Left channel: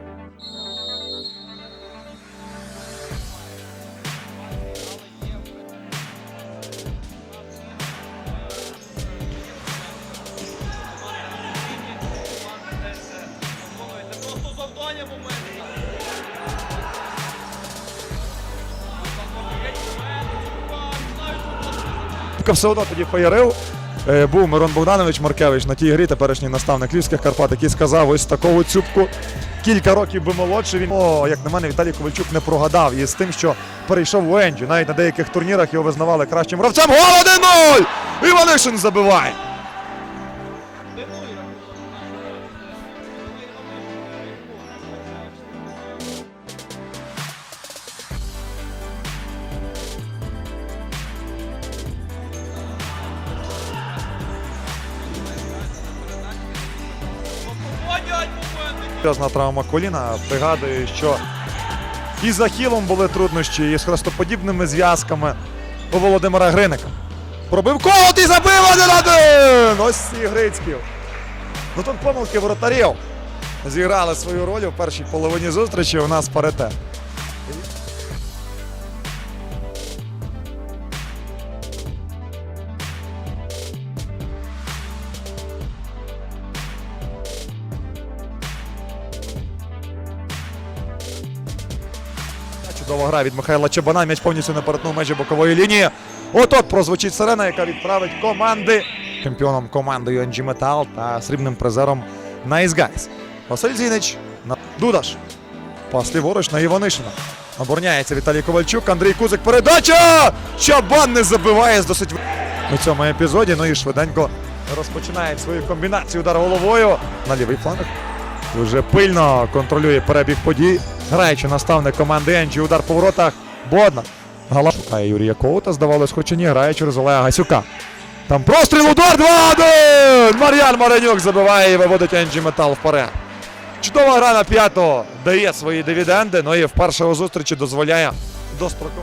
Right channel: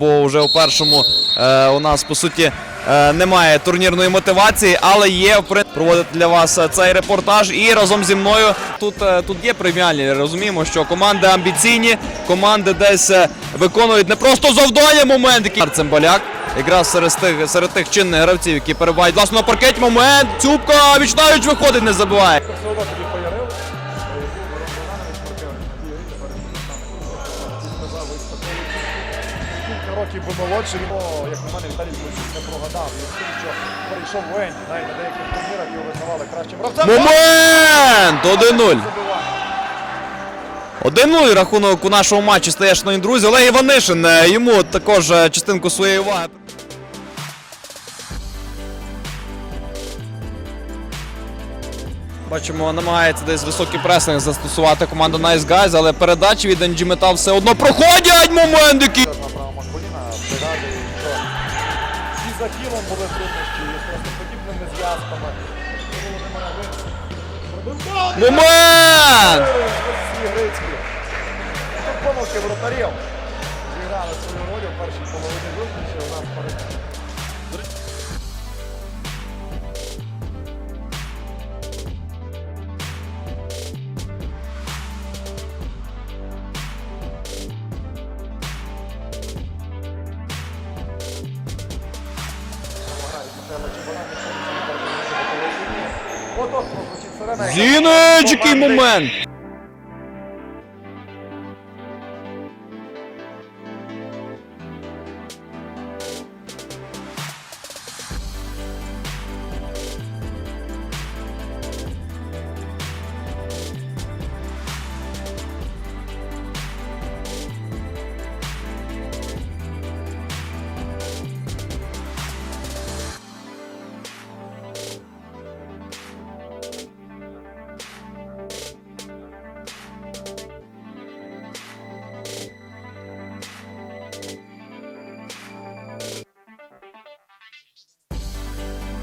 бо вже у першому е, у нас по суті е, немає турнірної мотивації, але є проводити для вас е, цей репортаж. І разом зі мною тут, е, тут є преміальні. Розуміємо, що команди амбіційні, команди десь е, виконують не просто завдання момент, який Цимбаляк. Якраз серед тих, серед тих чинних гравців, які перебувають власне на паркеті. Момент. Цюбка вічнають виходить, не забуває. Одно тоді поярив. Е, Був Мирон Богданович Маркевич на тій грі, теперішній наставник Львівських Карпат, який сказав ось таку цюбку. Кілька років би молодший. Він, о, як на мене, Віталій Ковальчук не прогадав із тим, що перейшов в Енджі. Навіть на деяких турнірах його визнавали кращим гравцем. Момент! 1-0! 1-0. Забиває. 1-0 рахунок у нашому матчі стає, шановні друзі. Олег Іванишин е, йому також е, частинку своєї уваги. Бачимо, намагається десь високий пресинг застосувати команда Nice Guys, але передачі від NG Metal все одно проходять момент, який... Серйозна травма коліна. Пригадую, що і з Ахілом були труднощі, і з хрестоподібними зв'язками у Володимира Гриника. Пробив колот і забив! 1-1! Ось ці Грицькі. Ну тут помилки воротарів зіграли свою роль у першій половині зустрічі. У нас паритет. Чудова гра від Михайла Чабана. М'яч повністю на перетнув межі бокової лінії. От-от прозвучить сирена. Зінич, який момент! чемпіоном команди UNG Metal та срібним призером Nice Guys. Василь Зінич, на- Дудаш. Пас ліворуч на Іванишина. Обороняється Віталій Ковальчук, Андрій Кузик. Передача! Чабан не забиває з досить у цьому епізоді. Ну і швиденько розпочинає свою комбінацію удар головою на лівий фланг. Дуже пильно контролює перебіг подій. Граючи наставник команди Енджі, удар по воротах. Бодна. Гала Юрія Коута, здавалось, хоч і ні, грає через Олега Гасюка. Там простріл, удар 2-1! Мар'ян Маренюк забиває і виводить Енджі Метал вперед. Чудова гра на п'ятого дає свої дивіденди, ну і вперше у зустрічі дозволяє достроково.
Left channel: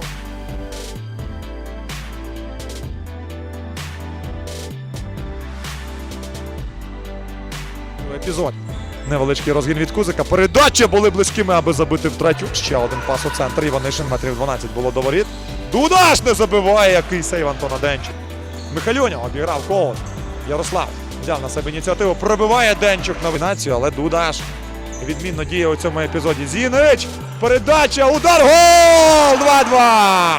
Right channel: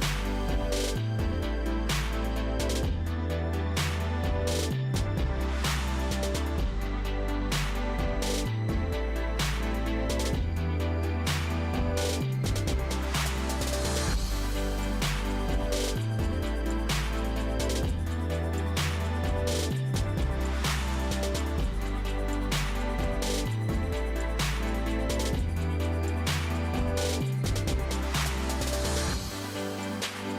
Епізод. Невеличкий розгін від Кузика. Передача були близькими, аби забити втретю. Ще один пас у центр. Іванишин метрів 12 було до воріт. Дудаш не забиває, який сейв Антона Денчик. Михайлюня обіграв кого. Ярослав взяв на себе ініціативу. Пробиває Денчук на винацію, але Дудаш відмінно діє у цьому епізоді. Зінич! Передача! Удар! Гол! 2-2!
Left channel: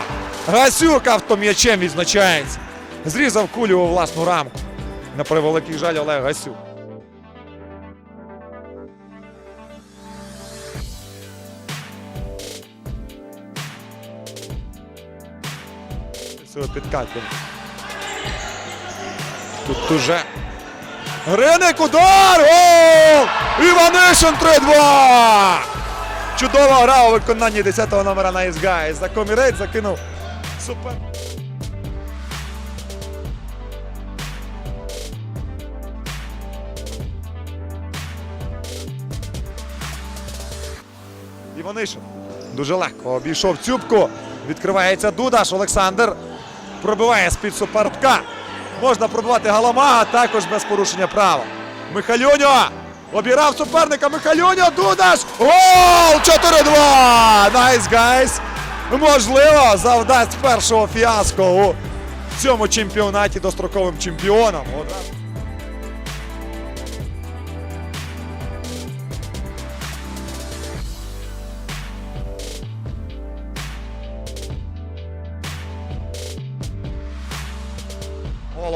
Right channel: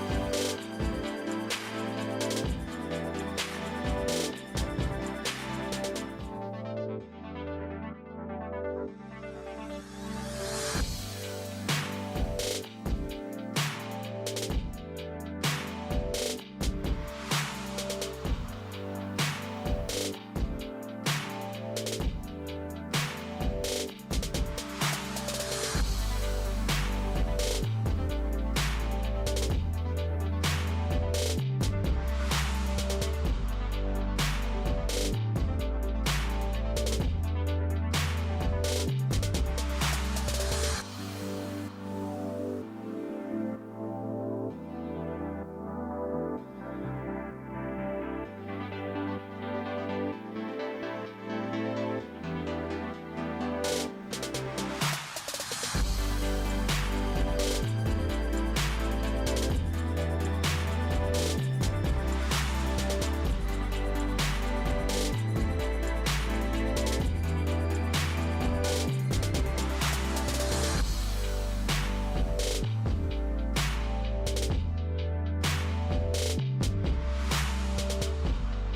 Гасюк автом'ячем відзначається. Зрізав кулю у власну рамку. На превеликий жаль Олег Гасюк. Цього підкатів. Тут уже. Гриник удар! Гол! Іванишин 3-2! Чудова гра у виконанні 10-го номера Nice Guys. За комірець закинув. Супер. Іванишин дуже легко обійшов цюбку. Відкривається Дудаш. Олександр пробиває з-під суперка. Можна пробивати а також без порушення права. Михайлюньо обірав суперника. Михайлюньо, Дудаш! Гол! 4-2! Найс гайс! Можливо, завдасть першого фіаско у цьому чемпіонаті достроковим чемпіоном.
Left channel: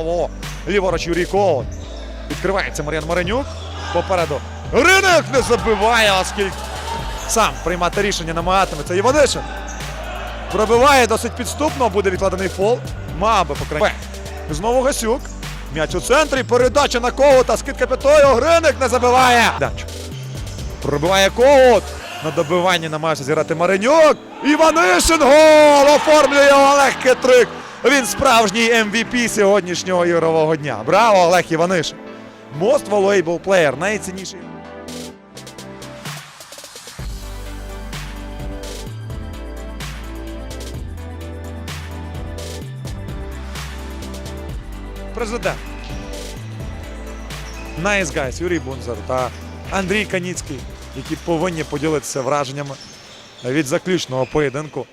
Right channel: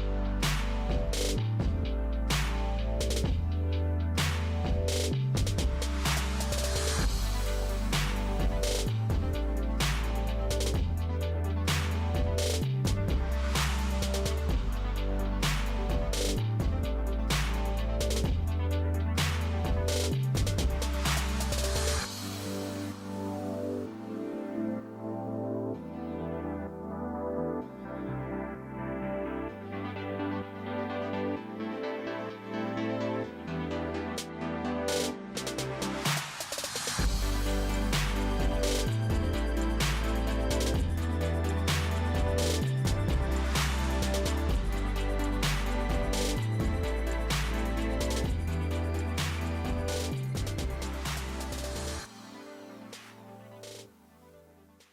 Голову. Ліворуч Юрій Коваль. Відкривається Мар'ян Маренюк. Попереду. Ринок не забиває, оскільки сам приймати рішення намагатиметься. Іванишин. Пробиває досить підступно, буде відкладений фол. Мав би. Знову Гасюк. М'яч у центрі. Передача на Ковута. Скидка п'ятою. Гриник не забиває. Пробиває Ковут. На добиванні намагається зіграти Маренюк. Іванишин гол! Оформлює Олег Хитрик. Він справжній MVP сьогоднішнього ігрового дня. Браво, Олег Іванишин. Most valuable player. Найцінніший. Президент. Nice guys, Юрій Бунзер та Андрій Каніцький, які повинні поділитися враженнями від заключного поєдинку